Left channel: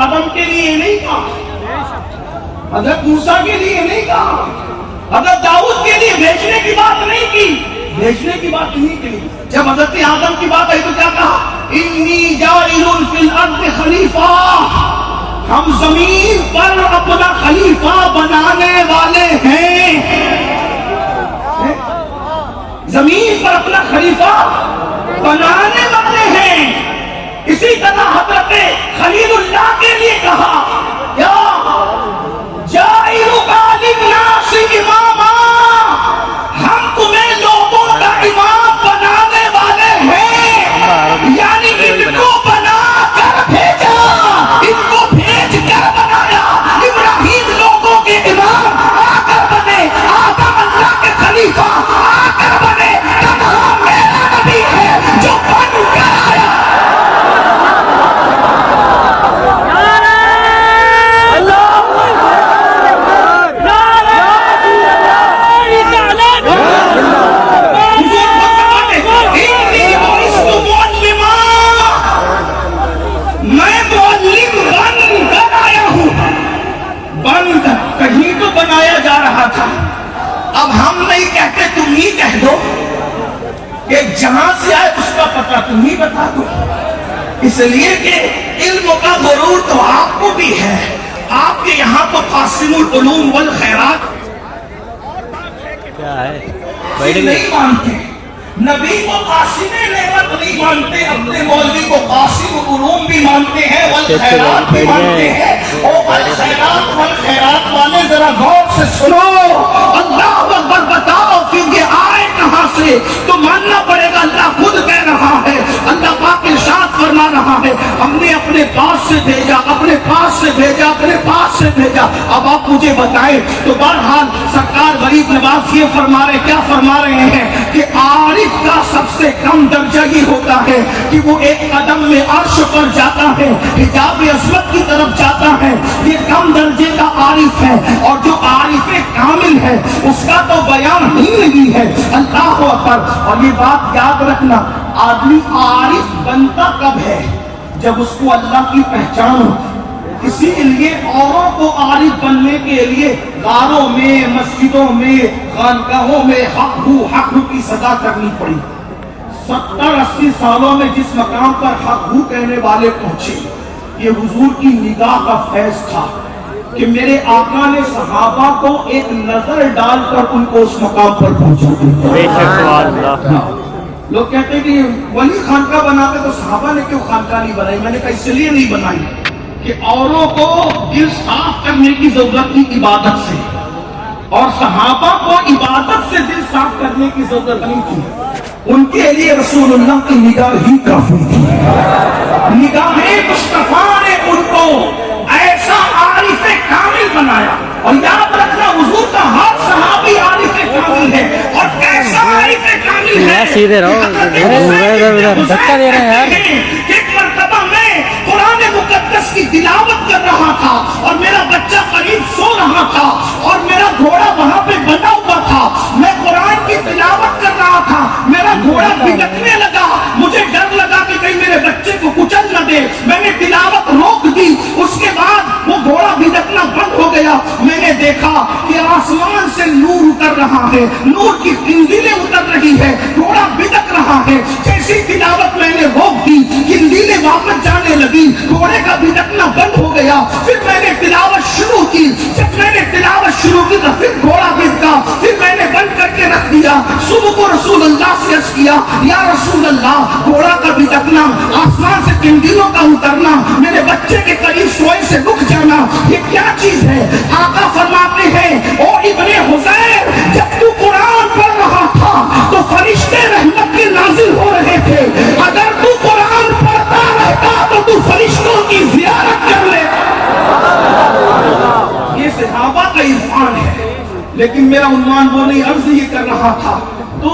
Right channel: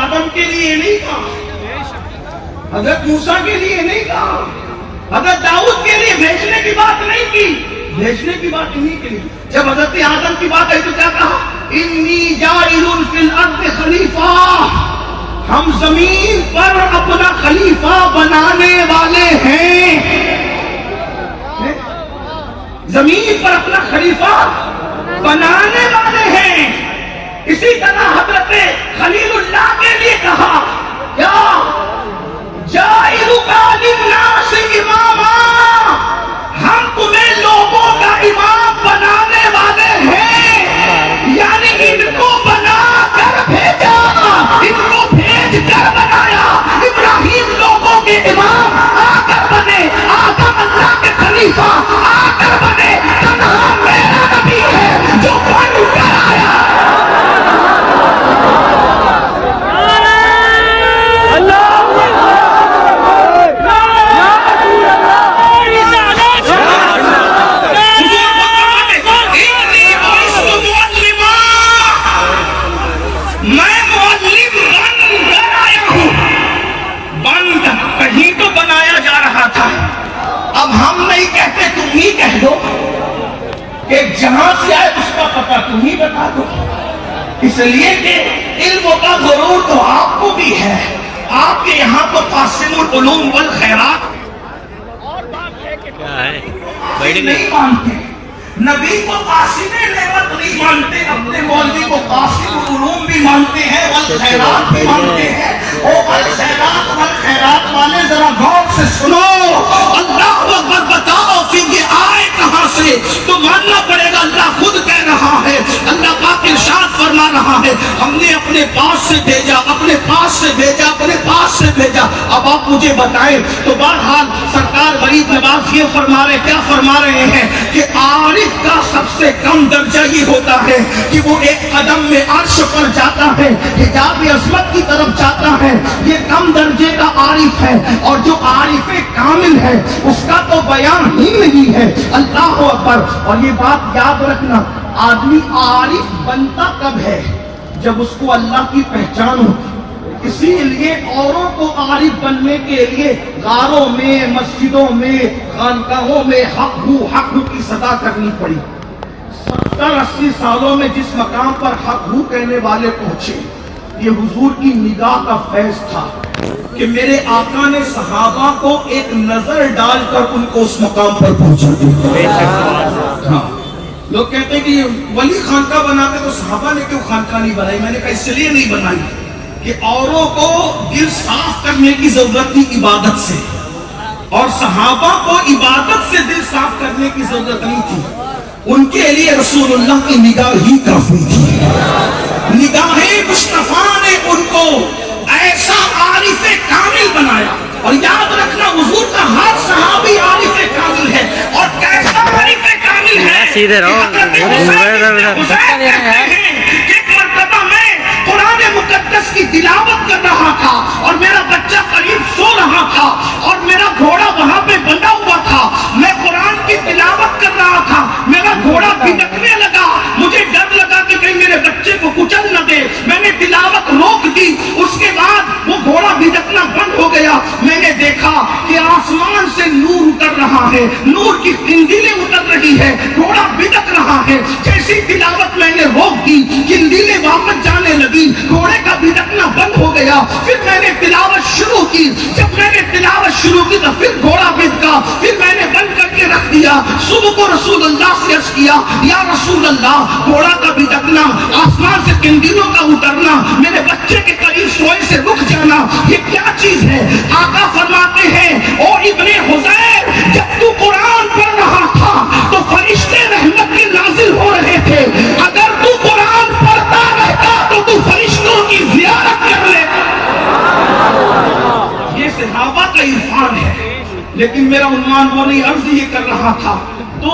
آدم کے لیے نہیں کہا, حضرت موسیٰ کے لیے نہیں کہا, حضرت داؤد کے لیے بھیجنے کی بات نہیں کی, بھیجنے کی بات نہیں کی. جب حضرت آدم کی بات آئی تو کیا کہا؟ انی جاعل فی الارض خلیفہ, ہم زمین پر اپنا خلیفہ بنانے والے ہیں. زمین پر اپنا خلیفہ بنانے والے ہیں. اسی طرح حضرت خلیل اللہ کے لیے کہا کیا جاعلک للناس اماما, ہم تمہیں لوگوں کا امام بنانے والے ہیں. یعنی ان کو بنا کر بھیجا, ان کو بھیج کر بنایا. ابراہیم لوگوں کے امام آ کر بنے, آدم اللہ کے خلیفہ آ کر بنے. تنہا میرا نبی ہے جو بن کر آیا. بنایا جا رہا تھا. اب ہم نہیں کہتے, تم ہی کہہ دو کہ جہاں سے آئے اس کا پتہ تم ہی بتا دو. اس لیے کہ علم کا ضرور تو آپ کو بھی ہے. آپ کے یہاں تو قاسم العلوم والخیرات اور بات ہے کہ کیا ہے نہیں مانتے. نبی کو قاسم نعمت نہیں مانتے, اپنے مولوی کو قاسم العلوم بھی مانتے ہیں, والخیرات بھی مانتے ہیں. والخیرات والخیرات والے ذرا غور سے سنو, اللہ اکبر بتاؤ پھر یہ آئے کہاں سے؟ تو ماننا پڑے گا اللہ خود کہہ رہا ہے. اللہ پاک ارشاد فرما رہا ہے ہم نے اپنے پاس سے بھیجا, اپنے پاس سے بھیجا, اپنے پاس سے بھیجا. اب آپ مجھے بتائیں تو بہرحال سرکار غریب نواز یہ فرما رہے, کیا فرما رہے ہیں کہ عارف کا سب سے کم درجہ یہ ہوتا ہے کہ وہ ایک قدم میں عرش پر جاتا ہے, حجاب عظمت کی طرف جاتا ہے. یہ کم درجے کا عارف ہے, اور جو عارف کامل ہے اس کا تو بیان ہی نہیں ہے. اللہ اکبر. اور یہ بات یاد رکھنا, آدمی عارف بنتا کب ہے؟ جب اس کو اللہ کی پہچان ہو. اسی لیے اوروں کو عارف بننے کے لیے غاروں میں, مسجدوں میں, خانقاہوں میں حق ہو کی صدا کرنی پڑی. 70-80 سالوں میں جس مقام پر حق ہو کہنے والے پہنچے, یہ حضور کی نگاہ کا فیض تھا کہ میرے آقا نے صحابہ کو ایک نظر ڈال کر ان کو اس مقام پر پہنچا دیا. لوگ کہتے ہیں کہ ولی خانقاہ بناتے تو صحابہ نے کیوں خانقاہ نہیں بنائی؟ میں نے کہا اس لیے نہیں بنائی کہ اوروں کو دل صاف کرنے کی ضرورت تھی عبادت سے, اور صحابہ کو عبادت سے دل صاف کرنے کی ضرورت نہیں تھی. ان کے لیے رسول اللہ کی نگاہ ہی کافی تھی. نگاہ مصطفیٰ نے ان کو ایسا عارف کامل بنایا. اور یاد رکھنا حضور کا ہر صحابی عارف کامل ہے. اور کیسا عارف کامل ہے؟ سیدھے رہو, دھکا دے رہے ہیں. ایک مرتبہ میں قرآن مقدس کی تلاوت کر رہا تھا اور میرا بچہ قریب سو رہا تھا اور میرا گھوڑا وہاں پہ بندھا ہوا تھا. میں قرآن کی تلاوت کر رہا تھا, میرا گھوڑا بھٹکنے لگا. مجھے ڈر لگا کہ کہیں میرے بچے کو کچل نہ دے. میں نے تلاوت روک دی. اس کے بعد وہ گھوڑا بھٹکنا بند ہو گیا. میں نے دیکھا کہ آسمان سے نور اتر رہا ہے, نور کی قندیلیں اتر رہی ہے, گھوڑا بھٹک رہا ہے. جیسی تلاوت میں نے روک دی, قندیلیں واپس جانے لگی, گھوڑے کا بھٹکنا بند ہو گیا. پھر میں نے تلاوت شروع کی. جب میں نے تلاوت شروع کی تو پھر گھوڑا بھٹکا. پھر میں نے بند کر کے رکھ دیا. صبح کو رسول اللہ سے عرض کیا, یا رسول اللہ, گھوڑا کا بھٹکنا, آسمان سے قندیلوں کا اترنا, میرے بچے کے قریب سوئے سے رک جانا, یہ کیا چیز ہے؟ آقا فرماتے ہیں, او ابن حذیر, جب تو قرآن پڑھ رہا تھا تو فرشتے رحمت کے نازل ہو رہے تھے. اگر تو قرآن پڑھتا رہتا تو تو فرشتوں کی زیارت کر لے. یہ صحابہ کا عرفان ہے. لیکن میرا عنوان وہ نہیں, عرض یہ کر رہا تھا. تو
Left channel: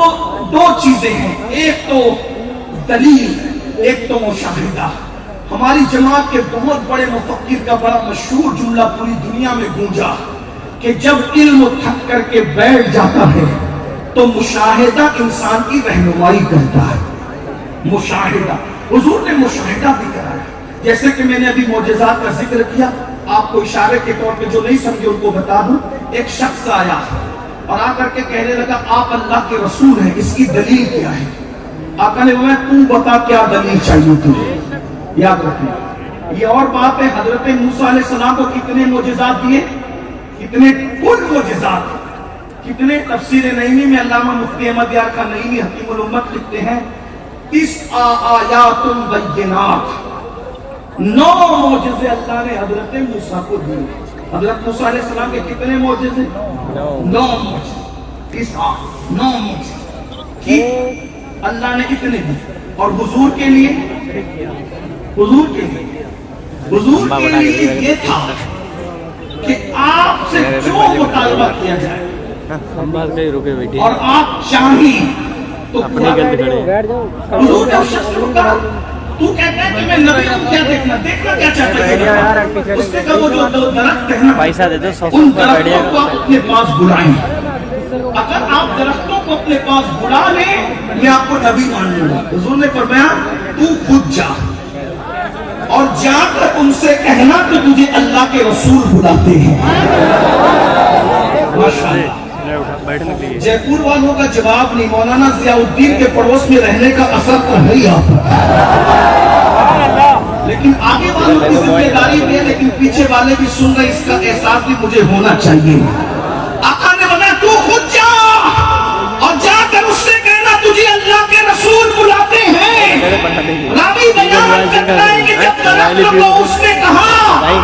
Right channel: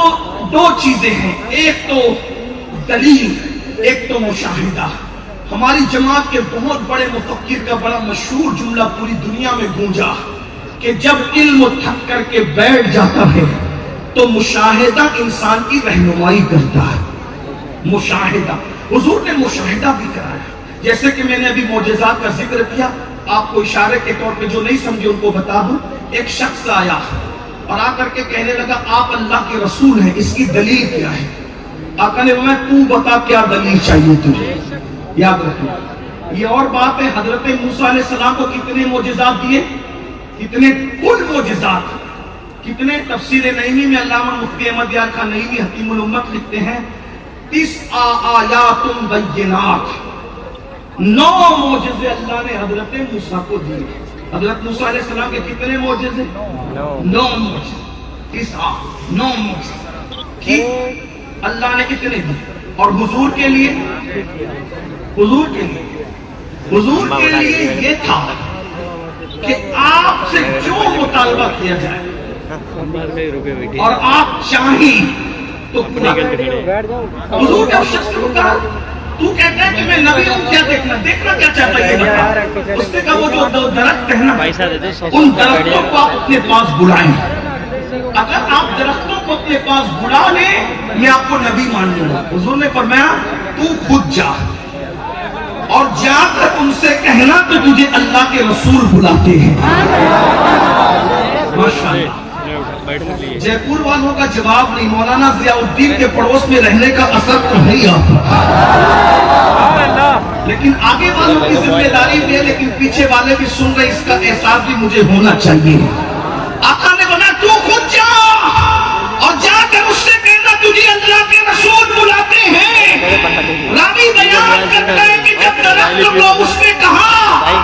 دو چیزیں ہیں, ایک تو دلیل, ایک تو مشاہدہ. ہماری جماعت کے بہت بڑے مفکر کا بڑا مشہور جملہ پوری دنیا میں گونجا کہ جب علم تھک کر کے بیٹھ جاتا ہے تو مشاہدہ انسان کی رہنمائی کرتا ہے. مشاہدہ, حضور نے مشاہدہ بھی کرایا. جیسے کہ میں نے ابھی معجزات کا ذکر کیا، آپ کو اشارے کے طور پہ جو نہیں سمجھے ان کو بتا دوں. ایک شخص آیا اور آ کر کے کہنے لگا آپ اللہ کے رسول ہیں، اس کی دلیل کیا ہے؟ آقا نے فرمایا تو بتا کیا دلیل چاہیے تجھے. یاد رکھنا یہ اور بات ہے. حضرت موسیٰ علیہ السلام کو کتنے معجزات دیے؟ کتنے؟ کل معجزات. کتنے؟ تفسیر نعیمی میں علامہ مفتی احمد یار خان نعیمی حکیم الامت لکھتے ہیں 9 آیات بینات، 9 معجزے اللہ نے حضرت موسیٰ کو دیے. حضرت موسیٰ علیہ السلام کے کتنے معجزے؟ 9 معجزے. 9 معجزے ٹھیک اللہ نے اتنے دیے. اور حضور کے لیے حضور کے لیے یہ تھا کہ آپ سے جو مطالبہ کیا جائے اور آپ چاہیں تو حضور کا شخص سے کہا تو کہتا ہے کہ میں نبی ہوں، کیا دیکھنا کیا چاہتا ہے؟ اس نے کہا وہ جو درخت ہے نا ان درختوں کو آپ اپنے پاس بلائیں. اگر آپ درختوں کو اپنے پاس بلا لیں میں آپ کو نبی مان لوں گا. حضور نے فرمایا تو خود جا اور جا کر ان سے کہنا کہ تجھے اللہ کے رسول بلاتے ہیں. ماشاءاللہ جے پور والوں کا جواب نہیں. مولانا ضیاء الدین کے پڑوس میں رہنے کا اثر تو نہیں آتا، لیکن آگے والوں کی ذمہ داری بھی ہے، لیکن پیچھے والے بھی سن رہے، اس کا احساس بھی مجھے ہونا چاہیے. آقا نے بنا تو خود جا اور جا کر اس سے کہنا تجھے اللہ کے رسول بلاتے ہیں. راوی بیان کرتا ہے کہ جب درخت کو اس نے کہا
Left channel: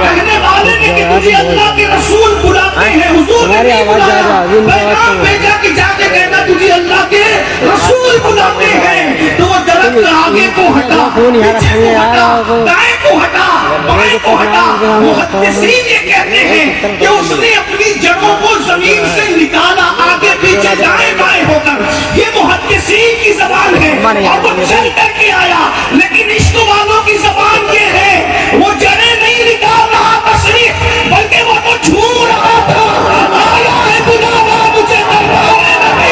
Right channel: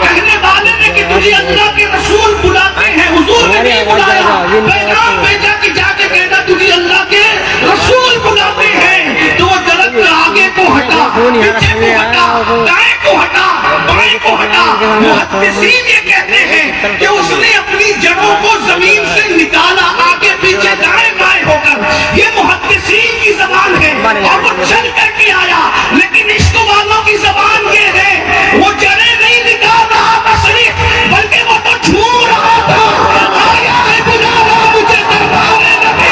کہنے والے نے کہ تجھے اللہ کے رسول بلاتے ہیں، حضور نے بھی بلایا، پیغام بھیجا کہ جا کے کہنا تجھے اللہ کے رسول بلاتے ہیں. تو وہ درخت آگے کو ہٹا، پیچھے کو ہٹا، دائیں کو ہٹا، بائیں کو ہٹا. محدثین یہ کہتے ہیں کہ اس نے اپنی جڑوں کو زمین سے نکالا آگے پیچھے دائیں بائیں ہو کر. یہ محدثین کی زبان ہے اور وہ چل کر کے آیا. لیکن عشق والوں کی زبان یہ ہے وہ جڑیں نہیں نکال رہا تھا صرف، بلکہ وہ تو جھوم رہا تھا. آیا ہے بلاوا مجھے دربار نبی.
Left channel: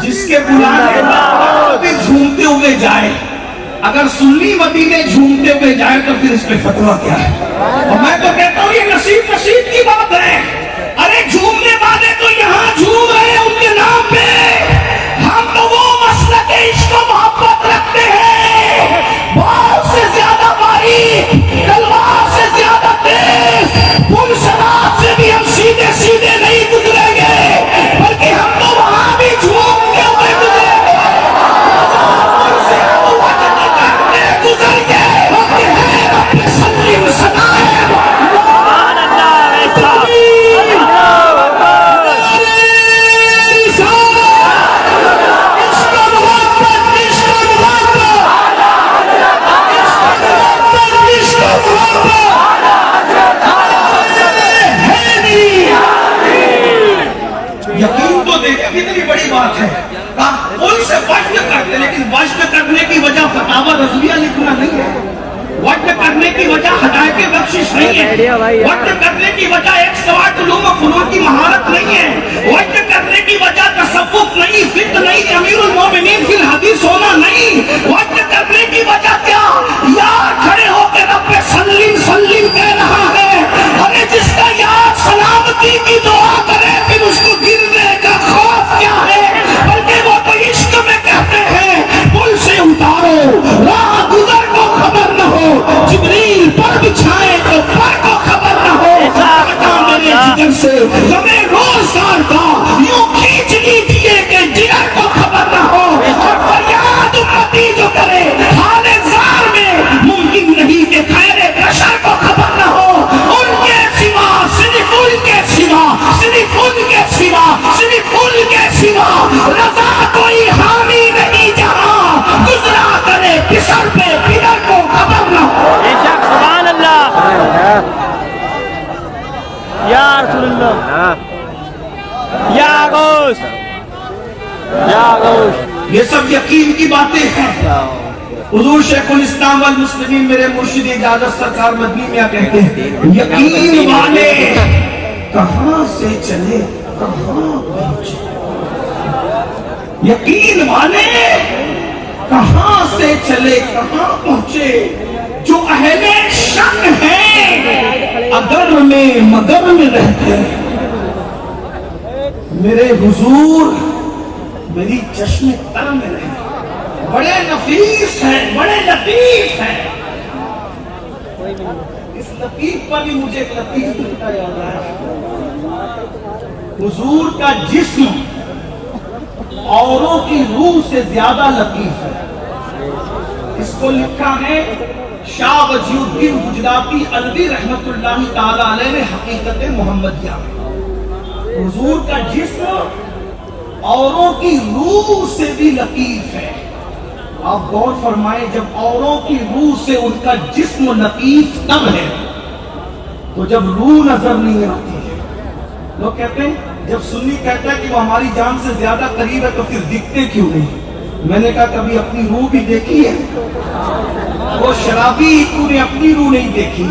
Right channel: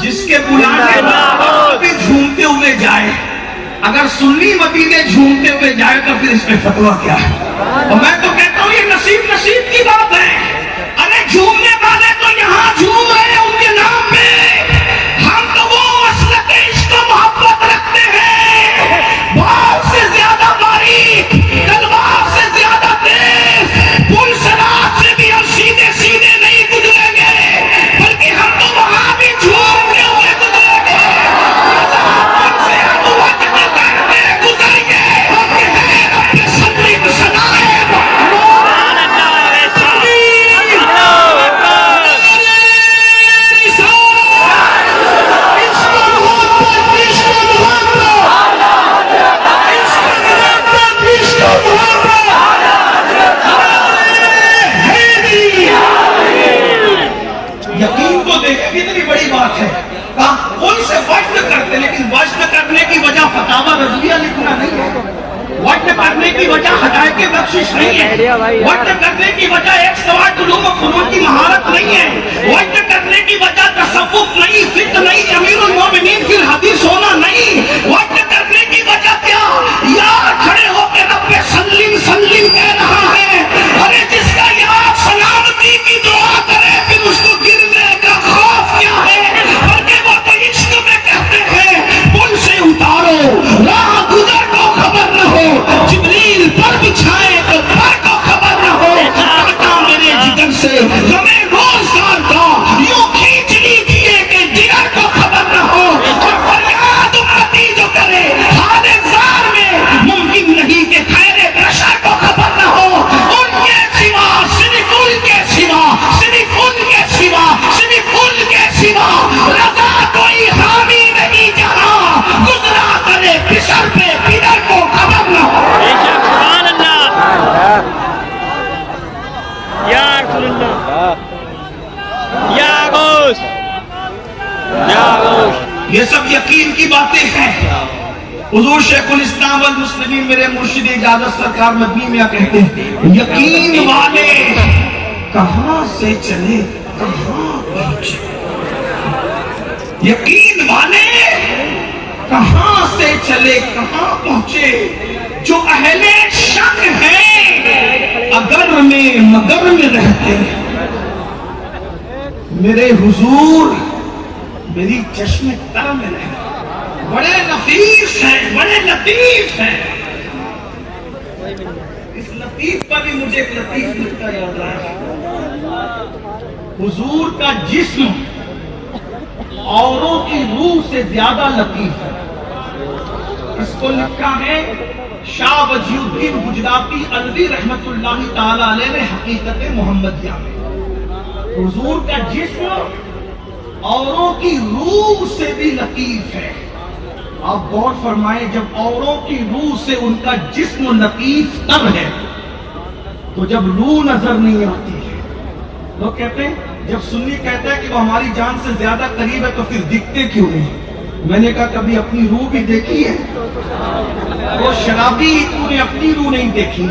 جس کے بلانے بھی جھومتے ہوئے جائے، اگر سنی مدینے جھومتے ہوئے جائے تو پھر اس کے فتویٰ کیا ہے؟ اور میں تو کہتا ہوں یہ نصیب کی بات ہے. ارے جھومنے والے تو یہاں جھوم رہے ہیں ان کے نام پہ. ہم تو وہ مسلک عشق و محبت رکھتے ہیں، بال سے زیادہ باریک، تلوار سے زیادہ تیز، پل سرات سے بھی ہم سیدھے سیدھے نہیں گزریں گے، بلکہ ہم تو وہاں بھی جھومتے ہوئے گزریں گے. سے ہم وقت کرتے گزر گئے اپنے سنگین سنائے. یقین تو دیکھیں کتنی بڑی بات ہے. ان سے وجد کرتے، لیکن وجد کرنے کی وجہ فتاوی رضویہ لکھنا نہیں ہے. وجد کرنے کی وجہ ہدایت بخشش نہیں ہے. وجد کرنے کی وجہ 108 علوم و فنون کی مہارت نہیں ہے. وجد کرنے کی وجہ تصوف نہیں، فقہ نہیں، امیر المومنین فی الحدیث ہونا نہیں. وجد کرنے کی وجہ کیا؟ یار کھڑے ہو کے رب پہ سلیم سلیم کہہ رہا ہے. ارے جس کا یار سلامتی کی دعا کرے پھر اس کو گرنے کا خوف کیا ہے؟ بلکہ وہ تو عشق میں کہتے ہیں پل سے اتارو راہ گزر کو خبر نہ ہو، جبریل پر بچھائے تو پر کو خبر نہ ہو. میرے جگر سے ہمیں روزگار کا یوں کھینچ لیجیے کہ جگر کو خبر نہ ہو. اور فریاد امتی جو کرے حال زار میں ممکن نہیں کہ خیر بشر کو خبر نہ ہو. ان کے سوا صرف ان کے سوا صرف ان کے سوا صرف ان کے سوا رضا کوئی حامی نہیں جہاں گزرا کرے پسر پہ پدر کو خبر نہ ہو. سبحان اللہ یا رسول اللہ یا غوث یا غوث. یہ سب یقین کی باتیں ہیں. حضور شیخ الاسلام والمسلمین میرے مرشد اجازت سرکار مدنی میں کہتے ہیں یقین والے کہاں سے چلے کہاں پہنچے، یقین والے کہاں سے چلے کہاں پہنچے، جو اہل شک ہیں اگر میں مگر میں رہتے ہیں، میرے حضور میری چشم تر میں رہے، بڑے نفیس ہیں بڑے لطیف ہیں۔ اس لطیف پر بھی مجھے ایک لطیف لکھتا یاد ہے، حضور کا جسم اوروں کی روح سے زیادہ لطیف ہے۔ اس کو لکھا ہے شاہ وجی الدین گجراتی علوی رحمت اللہ تعالی علیہ نے حقیقت محمدیہ میں، حضور کا جسم اوروں کی روح سے بھی لطیف ہے۔ آپ غور فرمائیں، جب اوروں کی روح سے ان کا جسم لطیف تب ہے تو جب روح نظر نہیں آتی ہے۔ لوگ کہتے ہیں، جب سنی کہتا ہے کہ وہ ہماری جان سے زیادہ قریب ہے تو پھر دکھتے کیوں نہیں؟ میں نے کہا کبھی اپنی روح بھی دیکھی ہے؟ وہ شرابی تو نے اپنی روح نہیں دیکھی،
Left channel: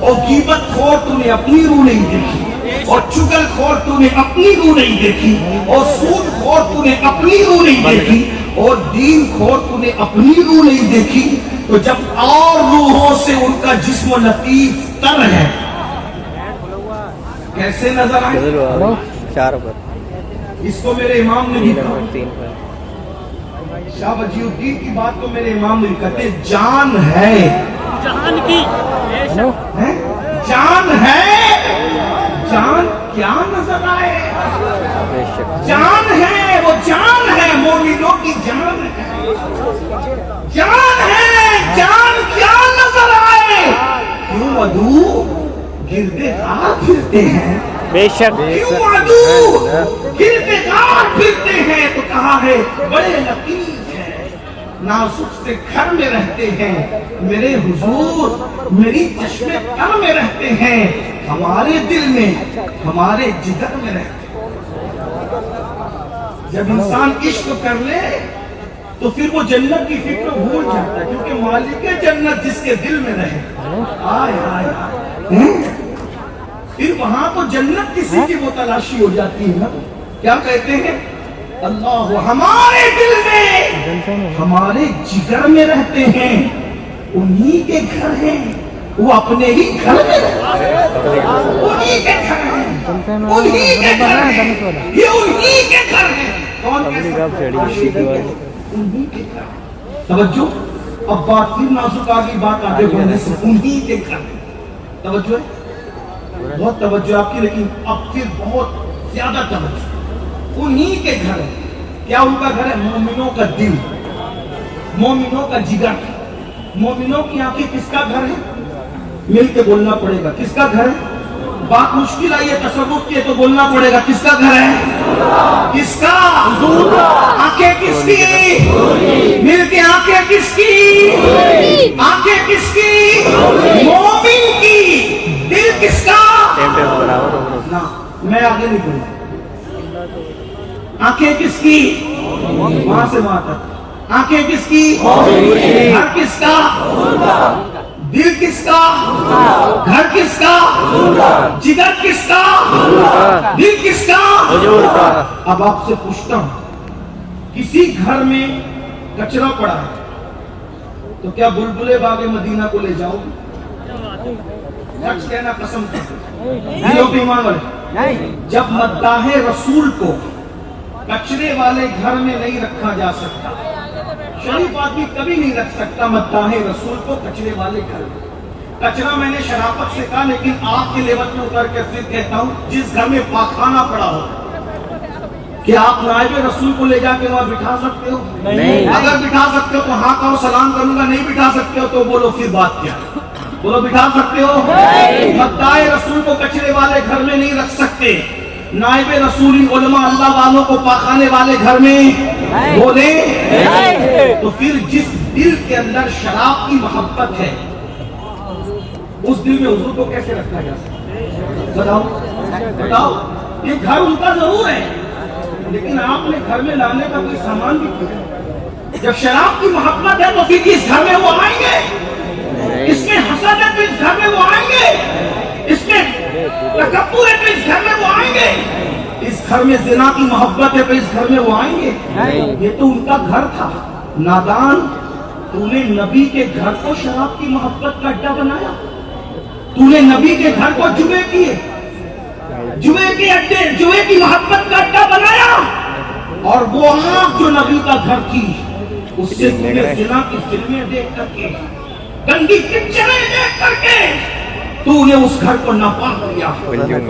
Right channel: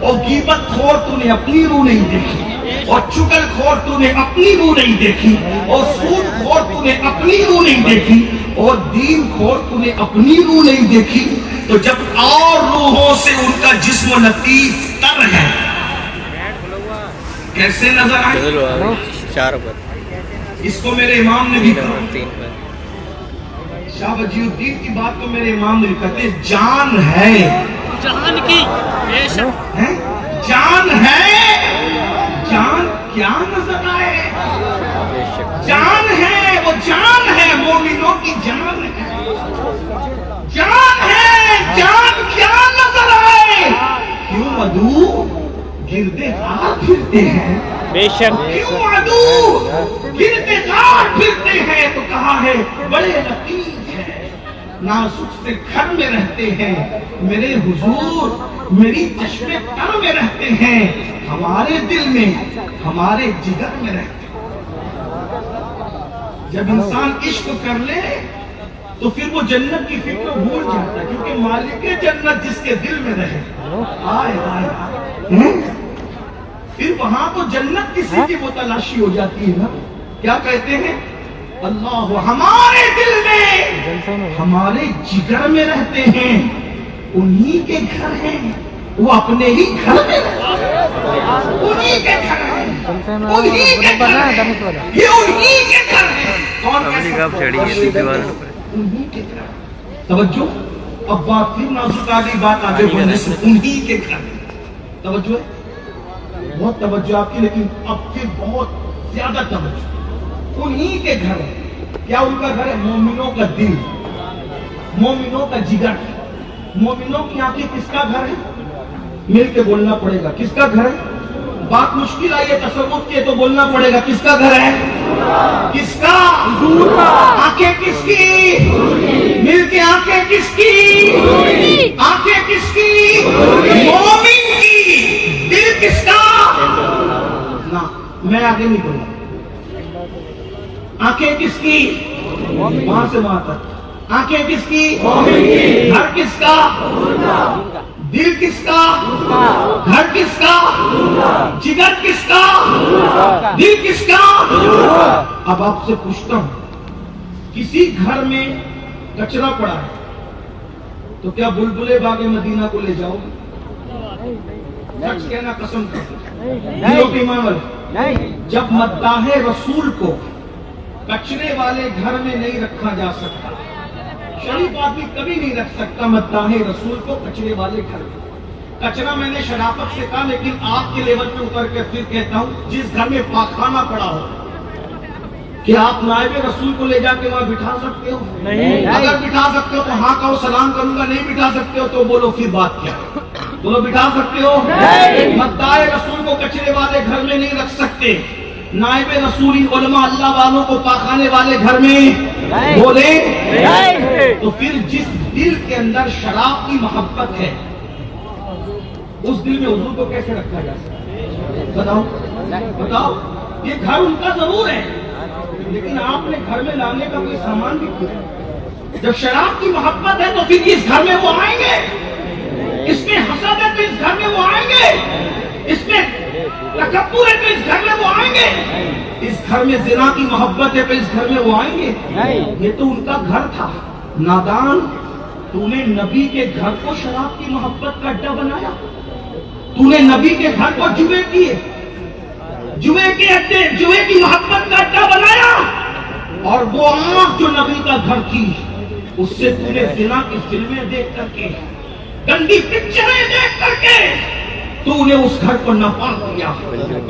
اور غیبت خور تو نے اپنی روح نہیں دیکھی، اور چغل خور تو نے اپنی روح نہیں دیکھی، اور سود خور تو نے اپنی روح نہیں دیکھی، اور دین خور تو نے اپنی روح نہیں دیکھی۔ تو جب اور روحوں سے ان کا جسم لطیف تر ہے، کیسے نظر آئے؟ اس کو میرے امام نے بھی کہا، شاہ وجی الدین کی بات کو میرے امام نے کہتے جان ہے، جان کی بے شک ہیں؟ جان ہے، جان کیا نظر آئے، جان ہے، وہ جان ہے، مومنوں کی جان ہے، جان ہے، جان کیا نظر آئے، کیوں عدو گردے غار پھرتے ہیں، بے شک کیوں عدو گردے غار پھرتے ہیں، تو کہا ہے بڑے لطیف ہیں، نازک سے گھر میں رہتے ہیں، میرے حضور میری چشم تر میں رہتے ہیں، ہمارے دل میں ہمارے جگر میں رہتے ہیں۔ جب انسان عشق کر لے تو پھر وہ جنت کی فکر بھول جاتا ہے، کیونکہ مالک جنت جس کے دل میں رہے، آئے آئے آئے، پھر وہاں تو جنت کسی کی وہ تلاشی ہو جاتی ہے نا۔ کیا کہتے ہیں؟ اللہ ہمارے دل میں ہمارے جگر میں رہتے ہیں، انہی کے گھر ہیں، وہ اپنے ہی گھر میں انہی کے گھر ہیں، انہی کے گھر ہیں، یہ انہی کے گھر ہیں۔ کون انہی کے گھر؟ توجہ، اب بات پھر نازک آگئی، بات آگے بڑھنے سے انہی کے گھر ہیں۔ توجہ ہے، بہت توجہ آپ کی، لیکن اب پھر بہت زیادہ توجہ، انہی کے گھر ہے۔ کیا ان کا گھر ہے؟ مومنوں کا دل، مومنوں کا جگر۔ مومنوں کی آنکھیں کس کا گھر ہے؟ مل کے بولنا پڑے گا، کس کا گھر ہے؟ بات مشکل آئی ہے، تصوف کی ہے تو بولنا پڑے گا، کس کا گھر ہے؟ کس کا؟ آنکھیں کس کی؟ مل کے آنکھیں کس کی؟ آنکھیں کس کی؟ مومن کی۔ دل کس کا؟ نہ میں آگے نہیں بولوں۔ آنکھیں کس کی؟ وہاں سے وہاں تک۔ آنکھیں کس کی؟ گھر کس کا؟ دل کس کا؟ گھر کس کا؟ جگر کس کا؟ دل کس کا؟ اب آپ سے پوچھتا ہوں، کسی گھر میں کچرا پڑا ہے تو کیا بلبلے باغ مدینہ کو لے جاؤ گے؟ سچ کہنا، قسم کہنا۔ جب مداح رسول کو کچرے والے گھر میں نہیں رکھا جا سکتا، شریف آدمی کبھی نہیں رکھ سکتا مداح رسول کو کچرے والے گھر میں۔ کچرا میں نے شرافت سے کہا، لیکن آپ کے لیول میں اتر کے پھر کہتا ہوں، جس گھر میں پاخانہ پڑا ہو، کہ آپ نائب رسول کو لے جا کے وہاں بٹھا سکتے ہو؟ نہیں۔ اگر بٹھا سکتے ہو تو ہاں کہو، سلام کروں گا۔ نہیں بٹھا سکتے ہو تو بولو پھر بات کیا؟ بولو بٹھا سکتے ہو؟ مداح رسول کو کچرے والے گھر میں نہیں رکھ سکتے، نائب رسول علماء اللہ والوں کو پاخانے والے گھر میں بولے، تو پھر جس دل کے اندر شراب کی محبت ہے، اس دل میں حضور کو کیسے رکھا جا سکتا؟ بتاؤ بتاؤ۔ یہ گھر ان کا ضرور ہے، لیکن آپ نے گھر میں لانے کا کوئی سامان بھی کیا؟ جب شراب کی محبت ہے تو پھر اس گھر میں وہ آئیں گے. اس میں حسد ہے تو اس گھر میں وہ آئیں گے. اس میں تکبر ہے تو اس گھر میں وہ آئیں گے. اس گھر میں زنا کی محبت ہے تو اس گھر میں وہ آئیں گے. یہ تو ان کا گھر تھا. نادان، تو نے نبی کے گھر کو شراب کی محبت کا اڈا بنایا. تو نے نبی کے گھر کو جوئے کیے، جوئے کے اڈے، جوئے کی محبت کا اڈا بنایا. اور وہ آنکھ جو نبی کا گھر تھی، اس سے تم نے زنا کی فلمیں دیکھ کر کے، گندی پکچریں دیکھ کر کے تو نے اس گھر کو ناپاک کیا.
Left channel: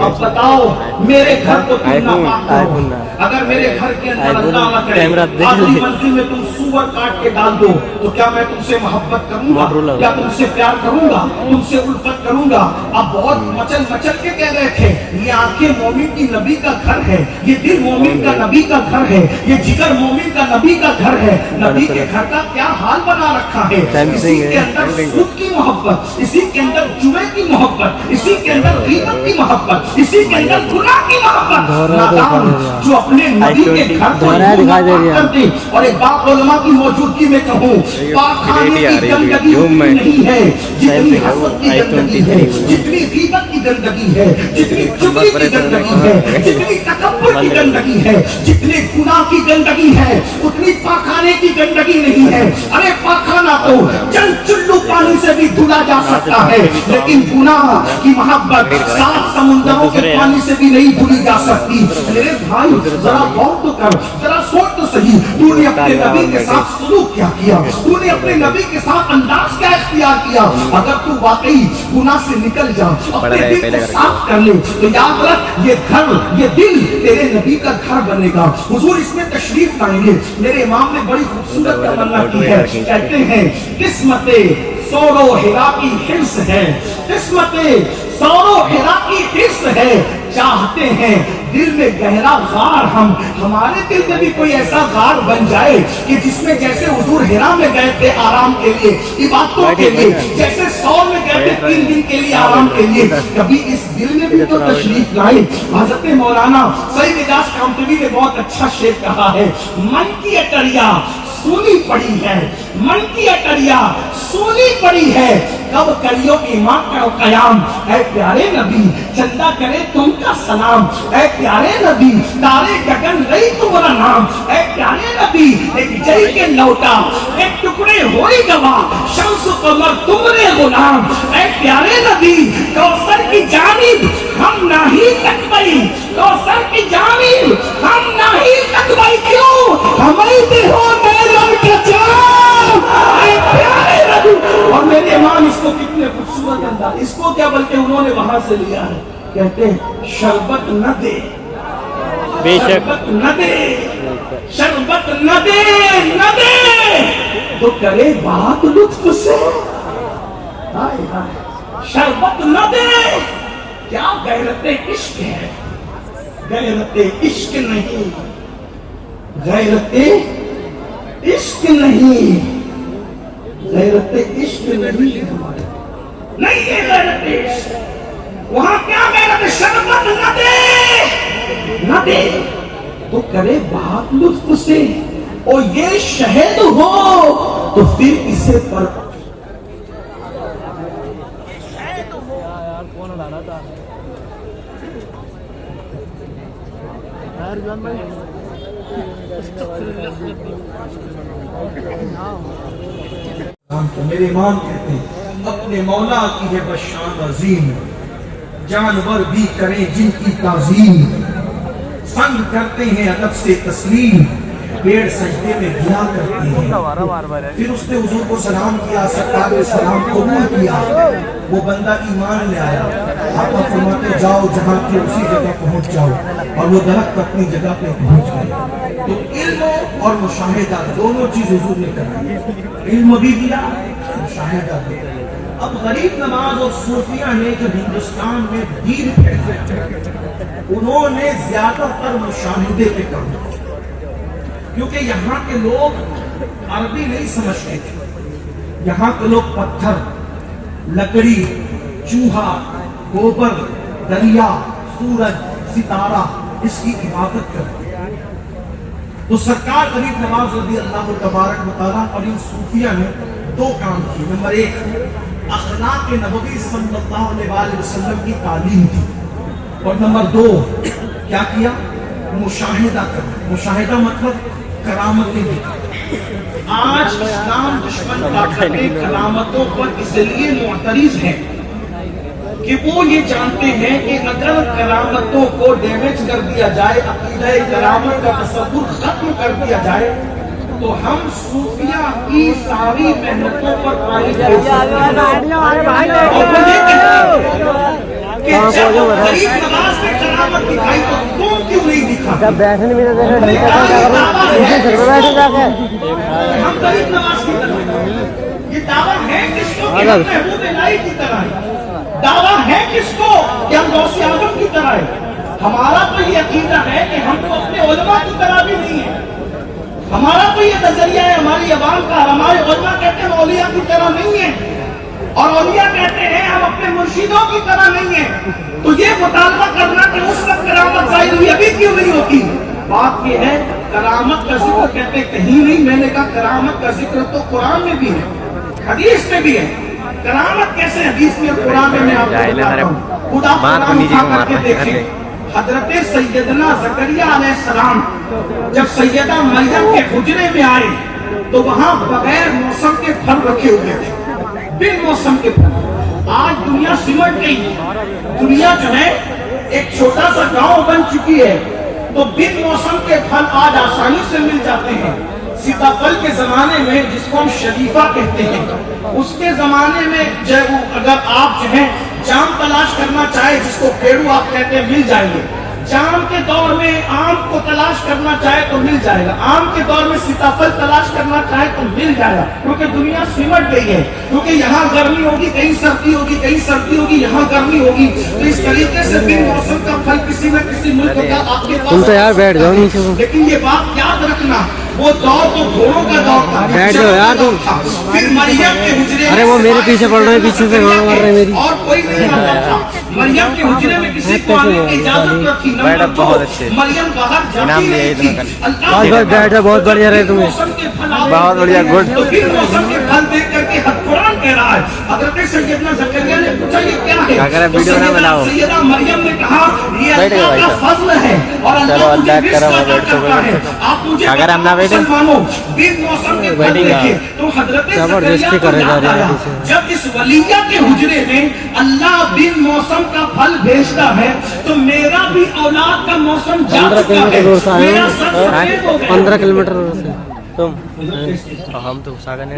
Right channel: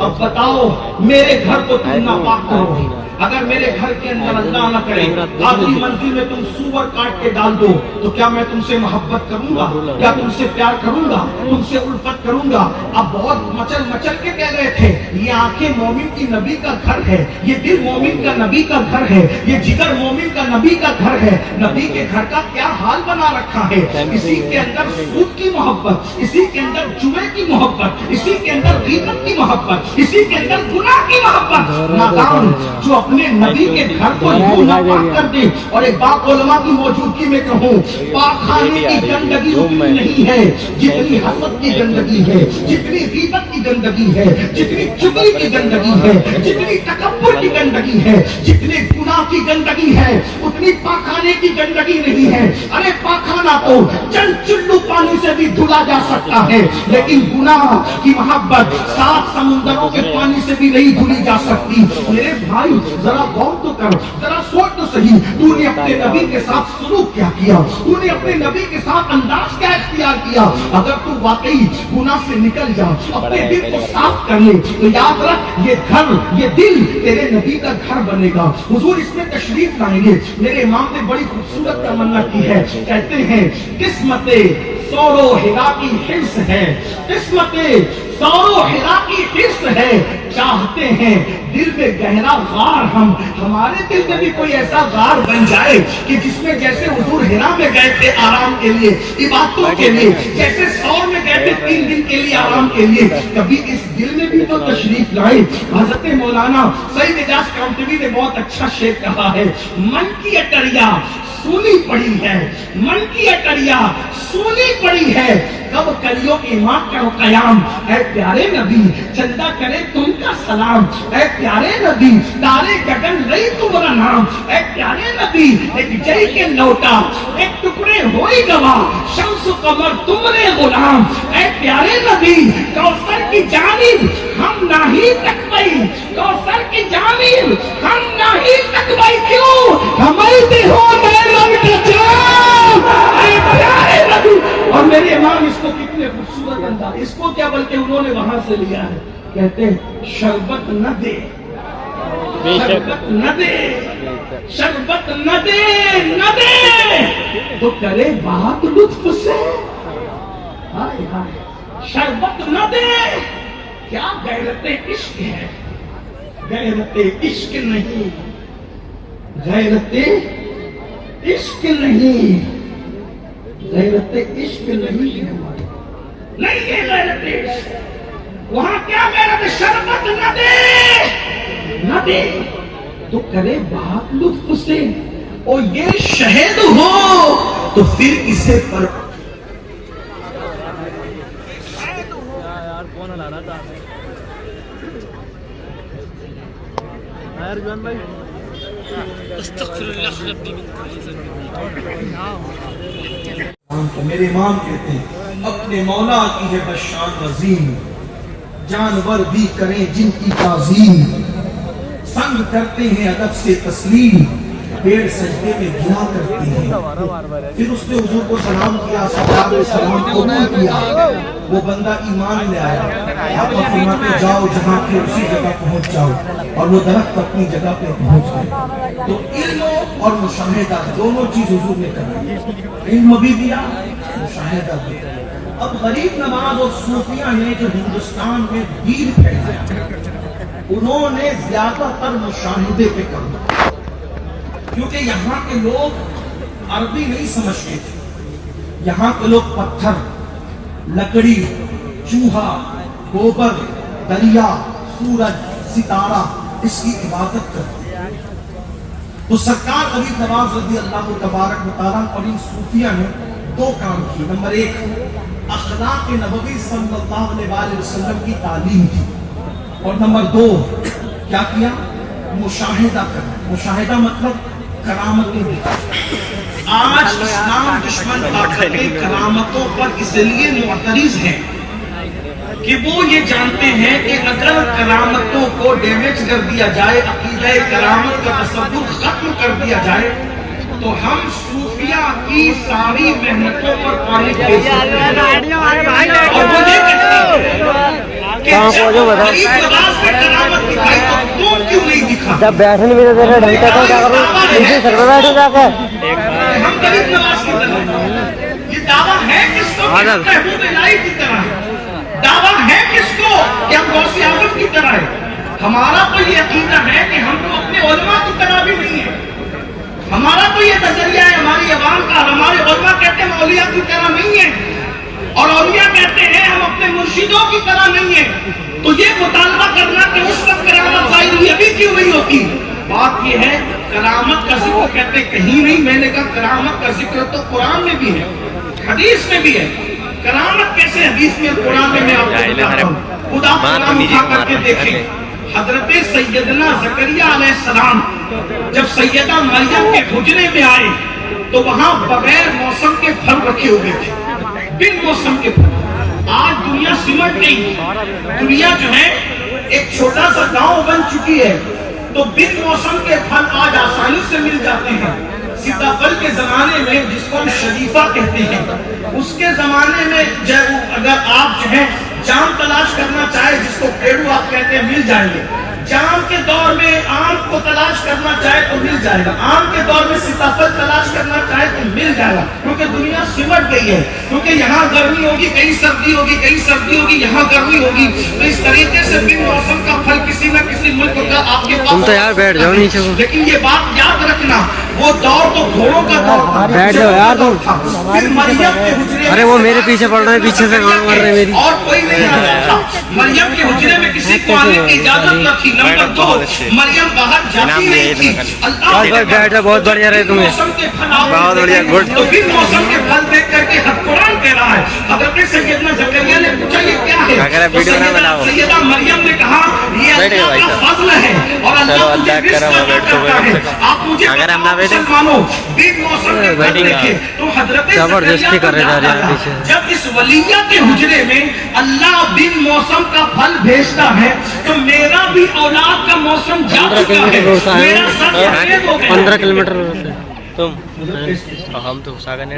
اب بتاؤ میرے گھر کو تم ناپاک کرو. اگر میرے گھر کے اندر اللہ نہ کرے آخری منزل میں تم سور کاٹ کے ڈال دو تو کیا میں تم سے محبت کروں گا؟ کیا تم سے پیار کروں گا؟ تم سے الفت کروں گا؟ اب بہت مچل مچل کے کہہ رہے تھے یہ آنکھیں مومن کی نبی کا گھر ہے، یہ دل مومن کا نبی کا گھر ہے، یہ جگر مومن کا نبی کا گھر ہے. نبی کے گھر کا کیا حال بنا رکھا ہے؟ اسی کے اندر سود کی محبت، اسی کے اندر جمعے کی محبت، اسی کے اندر غیبت کی محبت، اسی کے اندر گناہ کی محبت. نادان جو اپنے نبی کے گھر کو ناپاک کر دے. اور ایک بات علماء کی موجودگی میں کہوں، پاکخانے کی گندگی اتنی نہیں ہے جتنی حسد کی گندگی ہے، جتنی غیبت کی گندگی ہے، جتنی چغلی کی گندگی ہے، جتنی تکبر کی گندگی ہے، جتنی گناہ کی گندگی ہے، اتنی پاکخانے کی گندگی نہیں ہے. ارے پاکخانہ تو چند چلو پانی سے بھی دھلا جا سکتا ہے، لیکن گناہ کی محبت 7 سمندروں کے پانی سے بھی نہیں دھلی جا سکتی. میرے بھائی ذرا غور تو کر، ذرا سوچ تو صحیح. تو نے اپنے نبی کے ساتھ سلوک کیا کیا؟ تو نے اپنے نبی کے ساتھ انداز کیا اختیار کیا؟ اگر تو واقعی گناہ سے نکل جا، اپنے دل کو صاف کر لے تو یاد رکھ یہ گھر، یہ دل تیرے نبی کا گھر بنے گا. حضور اس میں تشریف لائیں گے. میرے امام نے بڑی خوبصورت تمنا کی ہے. کہتے ہیں قسمت سور و ہرا کی حرص ہے، قسمت سور و ہرا کی حرص ہے. چاہتے ہیں دل میں گہرا غار ہمارے دل میں بھی کوئی ایسا غار بن جائے کہ جس میں جیسے حضور ہرا میں گئے تھے آرام کے لیے، عبادتوں کے لیے، جیسے سور میں گئے تھے 3 دن کے لیے آرام کے لیے، کبھی اس دل میں بھی تو تشریف لائے. حضرت مولانا سعید اجاز کامتوی نے بہت اچھا شعر کہا ہے، من کی اٹریا سونی پڑی ہے، من کی اٹریا سونی پڑی ہے، کب کریو ایمان کرو قیام. اے پیارے نبی چندہ کرے تم کا سلام. اے پیارے نبی تارے گگن رہی تمہارا نام. اے پیارے نبی ایک جئی کے لوٹا ایک ٹکڑے ہوئی گوا، شمس قمر تمہارے غلام. اے پیارے نبی کوثر کی جانب ہم نہیں تکبئی، کوثر کی جانب ہم نہیں تکبئی. کیوں ہمیں دے ہو گئے رب کے جام. اے پیارے نبی. اور میرے امام اس کو کتنے خوبصورت انداز، اس کو کیا بلکہ انہوں نے وہاں سے لیا ہے. کہتے ہیں شربت نہ دے، شربت نہ دے، شربت نہ دے، نہ دے تو کرے بات لطف سے. ہائے ہائے شربت نہ دے. کیا غیرت عشق ہے؟ غیرت عشق نہیں، غیرت عشق نہیں، غیرت عشق نہیں ہے ہمارے، نہیں ہے غیرت عشق. وہاں کیا غیرت؟ شربت نہ دے، نہ دے تو کرے بات لطف سے. اور یہ شہد ہو تو پھر اسے پر میرے امام کہتے ہیں اپنے مولا کی ہے بشان عظیم، جانور بھی کریں جن کی تعظیم، سنگ کرتے ہیں ادب سے تسلیم، پیڑ سجدے میں گرا کرتے ہیں. پھر اس نے حضور کو سلام کیا، سرکار نے سلام قبول کیا، وہ بندہ ایمان لے آیا. آپ فرماتے جاؤ جہاں کے اسی جگہ پہنچ جاؤ، اور وہ درخت اپنی جگہ پہ پہنچ گئے. تو علم اور مشاہدہ دونوں چیز حضور نے کری، علم بھی دیا، مشاہدہ بھی. اب غریب نواز اور صوفیہ نے جو ہندوستان میں دین پھیلایا، انہوں نے زیادہ تر مشاہدے پہ کام، کیونکہ یہاں کے لوگ عربی نہیں سمجھتے تھے. یہاں کے لوگ پتھر، لکڑی، چوہا، گوبر، دریا، سورج، ستارہ اس کی عبادت کرتے. تو سرکار غریب نواز رضی اللہ تبارک و تعالیٰ اور ان صوفیہ نے دو کام کی. نمبر ایک اخلاق نبوی صلی اللہ علیہ وآلہ وسلم کی تعلیم کی, اور نمبر دو کیا کیا, مشاہدہ کرنا. مشاہدہ مطلب کرامتیں دکھانا. آج اسلام دشمن طاقتیں کرامتوں پر اس لیے معترض ہیں کہ وہ یہ جانتے ہیں کہ اگر کرامتوں کو ڈیمیج کر دیا جائے, عقیدہ کرامت کا تصور ختم کر دیا جائے, تو ہم صوفیہ کی ساری محنتوں پر پانی پھیر سکتے ہیں. اور وہ یہ کہتے ہیں کہ جب غریب نواز نے کرامت دکھائی تو تم کیوں نہیں دکھا؟ جب بیٹھنے میں دیکھا ڈھنگتا تھا کیا کروں, پیچھے سر پہ بیٹھے جا کر ہم غریب نواز کی طرح. یہ دعویٰ ہے کس کو کہ ہم محبوب الہی کی طرح ہے؟ دعویٰ ہے کس کو کہ ہم غوث اعظم کی طرح ہے؟ ہمارا تو یہ عقیدہ ہے کہ ہم تو اپنے علماء کی طرح بھی نہیں ہیں. ہمارا تو یہ نظریہ ہے ہماری عوام کا. ہمارے علماء کہتے ہیں ہم اولیاء کی طرح نہیں ہیں, اور اولیاء کہتے ہیں ہم اپنے مرشدوں کی طرح نہیں ہیں. تو یہ مطالبہ کرنا کہ اس وقت کرامت ظاہر ہوئی ابھی کیوں نہیں ہوتی, بات یہ ہے کرامت کا ذکر کہتے کہیں نہیں. میں نے کہا کرامت کا ذکر تو قرآن میں بھی ہے, حدیث میں بھی ہے. کرامت کیسے حدیث میں قرآن میں آپ کو بتاتا ہوں. خدا قرآن اٹھا کر کے دیکھیں. حضرت سیدنا زکریا علیہ السلام جب سیدہ مریم کے حجرے میں آئے تو وہاں بغیر موسم کے پھل رکھے ہوئے تھے, بن موسم کے پھل. آج دنیا سمٹ گئی, دنیا جو ہے ایک چھوٹا سا گاؤں بن چکی ہے, تو بن موسم کے پھل آج آسانی سے مل جاتے ہیں. سیتاپھل کے زمانے میں جس کو ہم شریفہ کہتے ہیں, اس کے زمانے میں اگر آپ جو ہے جام تلاش کرنا چاہے, جس کو پیڑو آپ کہتے ہیں, مل جائیں گے. جام کے دور میں آم کو تلاش کرنا چاہے تو مل جائے گا. آم کے دور میں سیتاپھل تلاش کرنا چاہے تو مل جائے گا, کیونکہ دنیا سمٹ گئی ہے. کیونکہ یہاں گرمی ہوگی, کہیں سردی ہوگی, کہیں سردی ہوگی, یہاں گرمی ہوگی. تو اس طریقے سے بن موسم کا پھل کسی نہ کسی ملک کا آپ کے پاس. تم تو یار بیٹھ جاؤ نیچے, لیکن یہ بات یاد رکھنا, وہ دور تو گھوڑوں کا دور. بیٹھ جاؤ یار تم. پھر مریم کے حجرے, ارے وہ میرے پیچھے پڑ رہے ہیں, پیچھے سے گانا مار رہے ہیں میری. اور کوئی نہیں آ رہا تھا. مریم کے حجرے میں کسی کو آنے کی اجازت نہ تھی. نمبر دو, مریم باہر جاتی نہیں تھی. بس بس بیٹھا, بہت بڑھیا رہے تمہیں, بہت بڑھیا, گڈ. تو پھر موسم کے پھل دیکھ کر کے قرآن کہہ رہا ہے. حضرت سیدنا زکریا نے پوچھا یہ کیا ہے, تو سیدہ مریم نے کہا یہ اللہ کا فضل ہے اور اللہ مجھے رزق عطا کرتا ہے. آپ مجھے مسلمانوں بن موسم کے پھل دیکھے تو حضرت زبردستی کرے جا رہے ہیں. جب اس ولیہ کے حجرے میں اللہ بن موسم کا پھل بھیجتا ہے تو میرا بھی اولاد کا موسم جا چکا ہے. میرا سر سفید ہو گیا. 15 کلومیٹر سے تم, ہم تو ساکن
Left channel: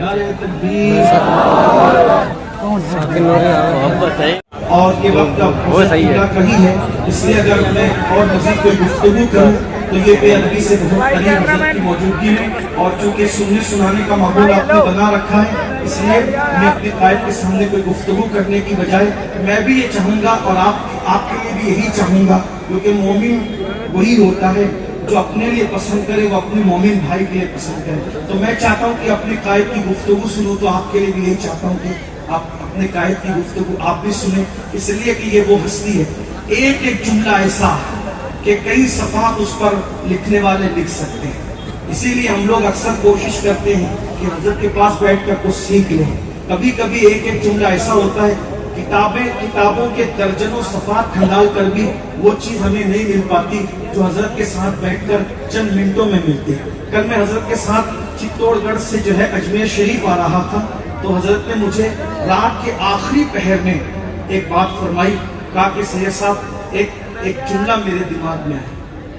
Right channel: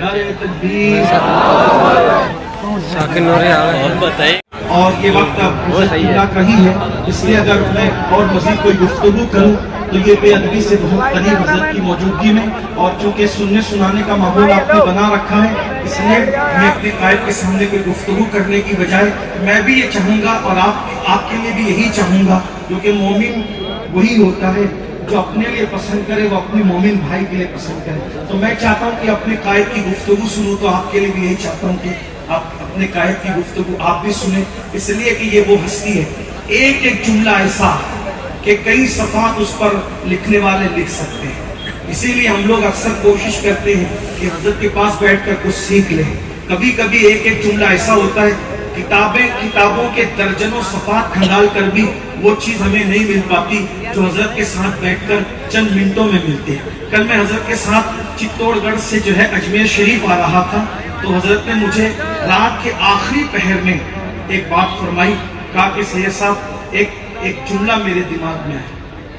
بتائیے. اور یہ وقت کا ہی ہے, اس لیے اگر میں اور مزید کوئی گفتگو کروں تو یہ بے ادبی سے بہت قریب حضرت کی موجودگی میں, اور چونکہ سننے سنانے کا ماحول آپ نے بنا رکھا ہے, اس لیے میں اپنے قائد کے سامنے کوئی گفتگو کرنے کی بجائے میں بھی یہ چاہوں گا, اور آپ کے لیے بھی یہی چاہوں گا, کیونکہ مومن وہی ہوتا ہے جو اپنے لیے پسند کرے وہ اپنے مومن بھائی کے لیے پسند کرے. تو میں چاہتا ہوں کہ اپنے قائد کی گفتگو سنوں, تو آپ کے لیے بھی یہی چاہتا ہوں کہ آپ اپنے قائد کی گفتگو آپ بھی سنیں, اس لیے کہ یہ وہ ہستی ہے. ایک ایک جملہ ایسا کہ کئی صفحات اس پر لکھنے والے لکھ سکتے ہیں. اسی لیے ہم لوگ اکثر کوشش کرتے ہیں کہ حضرت کے پاس بیٹھ کر کچھ سیکھ لیں. کبھی کبھی ایک ایک جملہ ایسا ہوتا ہے, کتابوں کے درجنوں صفحات کھنگال کر بھی وہ چیز ہمیں نہیں مل پاتی جو حضرت کے ساتھ بیٹھ کر چند منٹوں میں ملتی ہے. کل میں حضرت کے ساتھ چتوڑ گڑھ سے جو ہے اجمیر شریف آ رہا تھا, تو حضرت نے مجھے رات کے آخری پہر میں ایک بات فرمائی, کہا کہ سید صاحب ایک جملہ میرے دماغ میں ہے,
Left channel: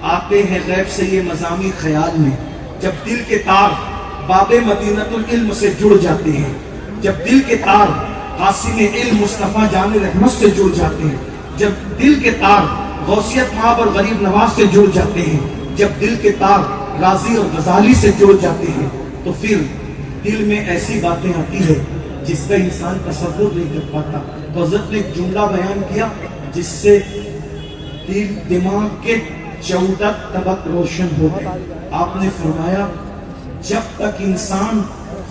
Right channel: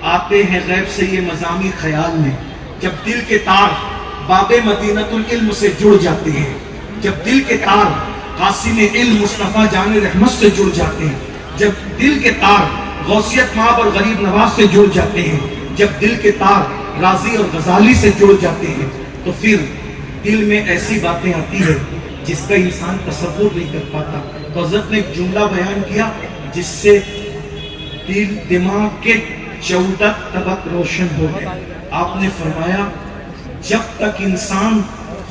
آتے ہیں غیب سے یہ مضامی خیال میں, جب دل کے تار باب مدینۃ العلم سے جڑ جاتے ہیں, جب دل کے تار قاسم علم مصطفیٰ جان رحمت سے جڑ جاتے ہیں, جب دل کے تار غوثیت مآب اور غریب نواز سے جڑ جاتے ہیں, جب دل کے تار رازی اور غزالی سے جڑ جاتے ہیں, تو پھر دل میں ایسی باتیں آتی ہے جس کا انسان تصور نہیں کر پاتا. تو حضرت نے ایک جملہ بیان کیا جس سے دل دماغ کے 14 طبق روشن ہو گئے. آپ نے فرمایا جب تک انسان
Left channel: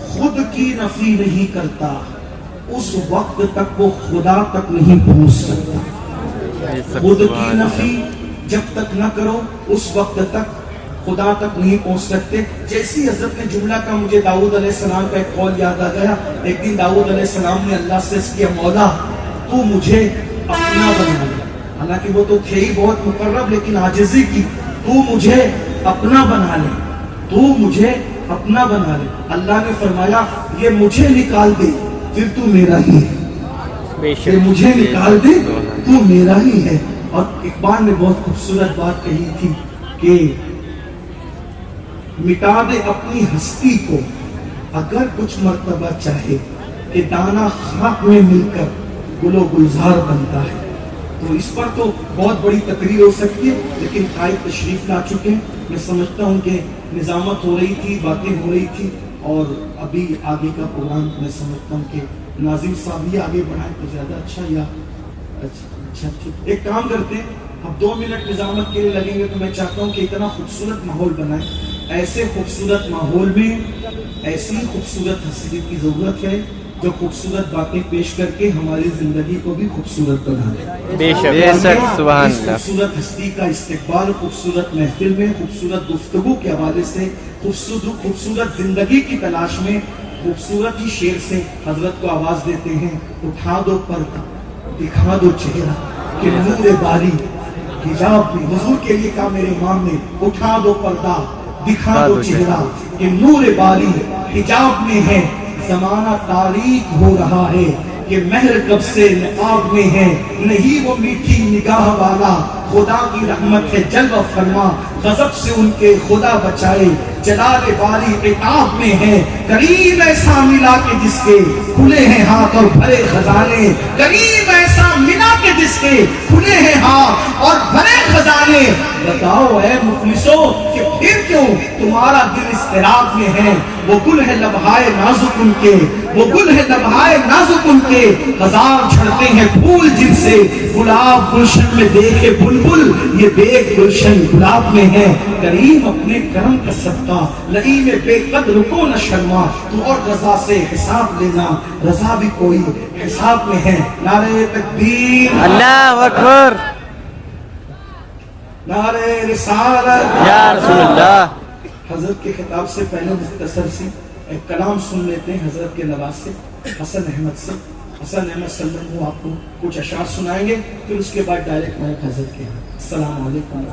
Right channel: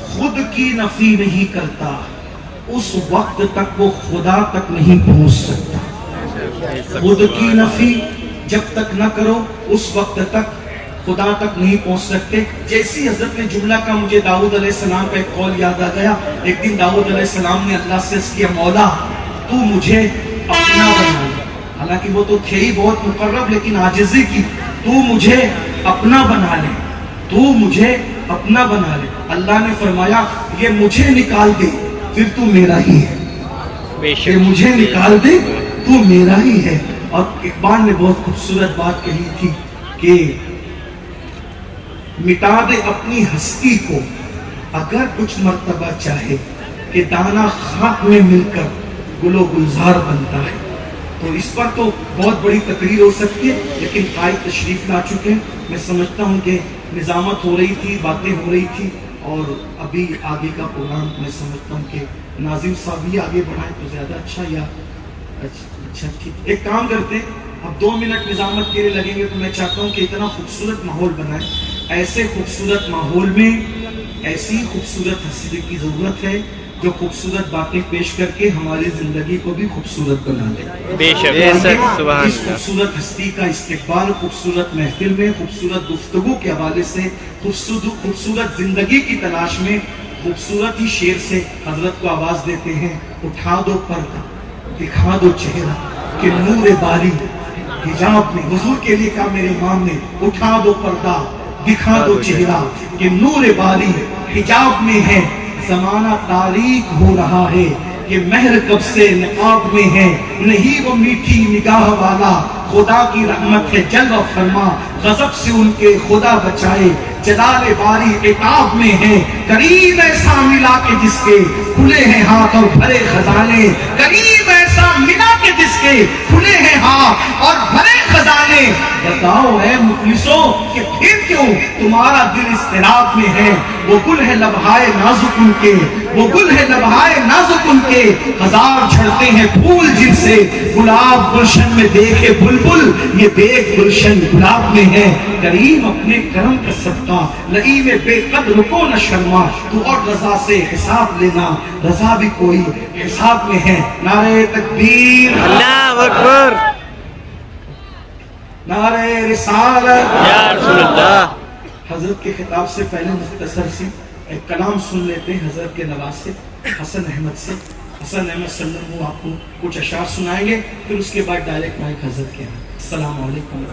خود کی نفی نہیں کرتا اس وقت تک وہ خدا تک نہیں پہنچ سکتا. خود کی نفی جب تک نہ کرو اس وقت تک خدا تک نہیں پہنچ سکتے. جیسی حضرت نے جملہ کا مجھے داؤد علیہ السلام کا ایک قول یاد آ گیا. ایک دن داؤد علیہ السلام نے اللہ سے اس کیا مولا تو مجھے اپنا بنا لے. حالانکہ وہ تو تھے ہی بہت مقرب لیکن عاجزی کی. تو مجھے اپنا بنا لے, تو مجھے اپنا بنا لے. اللہ نے فرمایا یہ مجھے نکال دے پھر تو میرا ہی ہے. یہ مجھے نکال دے تو میرا ہی ہے. اور اقبال نے بہت خوبصورت بات کہی تھی کہ مٹا دے اپنی ہستی کو اگر کچھ مرتبہ چاہے کہ دانا خاک میں مل کر گل و گلزار بنتا ہے. تو اس پر تو بہت بڑی تقریر ہو سکتی ہے لیکن قائد تشریف لا چکے ہیں. میں سمجھتا ہوں کہ نظامت ہو رہی تھی, باتیں ہو رہی تھی اور ابھی آگے کا پروگرام میں سمجھتا ہوں کہ ناظم صاحب ہی آگے بڑھائیں تو زیادہ اچھا. یا اچھا ٹھیک, ایک کام کرتے ہیں اب 2 منٹ نظامت کے لیے لگیں گے. تو میں چاہتا ہوں کہ اتنا خوبصورت ماحول بنائیں. ایسے خوبصورت ماحول میں ایسی خوبصورت ہستی کی ضرورت ہے جو خوبصورت باتیں پیش کر کے ہماری زندگی کو بھی خوبصورت بنا دے. بے شک سبحان اس اللہ. خوبصورت ہستی کا استقبال خوبصورت محفل میں خوبصورت گفتگو کے حوالے سے خوبصورت زندگی کی تلاش میں خوبصورت ہی شعر سے حضرت کو آواز دیتے ہیں. اٹھا دو پردہ دکھا دو چہرہ کہ نور باری حجاب میں. حضور کے لیے کہا میرے امام نے اٹھا دو پردہ دکھا دو چہرہ کہ نور باری حجاب میں ہے. زمانہ تاریک ہو رہا ہے کہ مہر کب سے نقاب میں ہے. نہیں وہ میٹھی نگاہ والا خدا کی رحمت ہے جلوہ فرما. غضب سے ان کے خدا بچائے جلال باری عتاب میں ہے. کریم ایسا ملا کے جس کے کھلے ہیں ہاتھ اور بھرے خزانے. کریم ایسا ملا کے جس کے کھلے ہیں ہاتھ اور بھرے خزانے. بتاؤ اے مفلسو کہ پھر کیوں تمہارا دل اضطراب میں ہے. وہ گل ہے لبہائے نازک ان کے, وہ گل ہے لبہائے نازک ان کے. ہزار جھڑتے ہیں پھول جن سے گلاب گلشن میں دیکھے بلبل یہ دیکھ گلشن گلاب میں ہے. کریم اپنے کرم کا صدقہ نعیم بے قدر کو نہ شرما. تو اور رضا سے حساب لینا رضا بھی کوئی حساب میں ہے. نعرہ تکبیر اللہ اکبر. نعرہ رسالت یا رسول اللہ. حضرت کے خطاب سے پہلے مختصر سی ایک کلام سن لیتے ہیں حضرت کے نواز سے حسن احمد سے. حسن احمد سلم آپ کو کچھ اشعار سنائیں گے پھر اس کے بعد ڈائریکٹ مائک حضرت کے. السلام علیکم.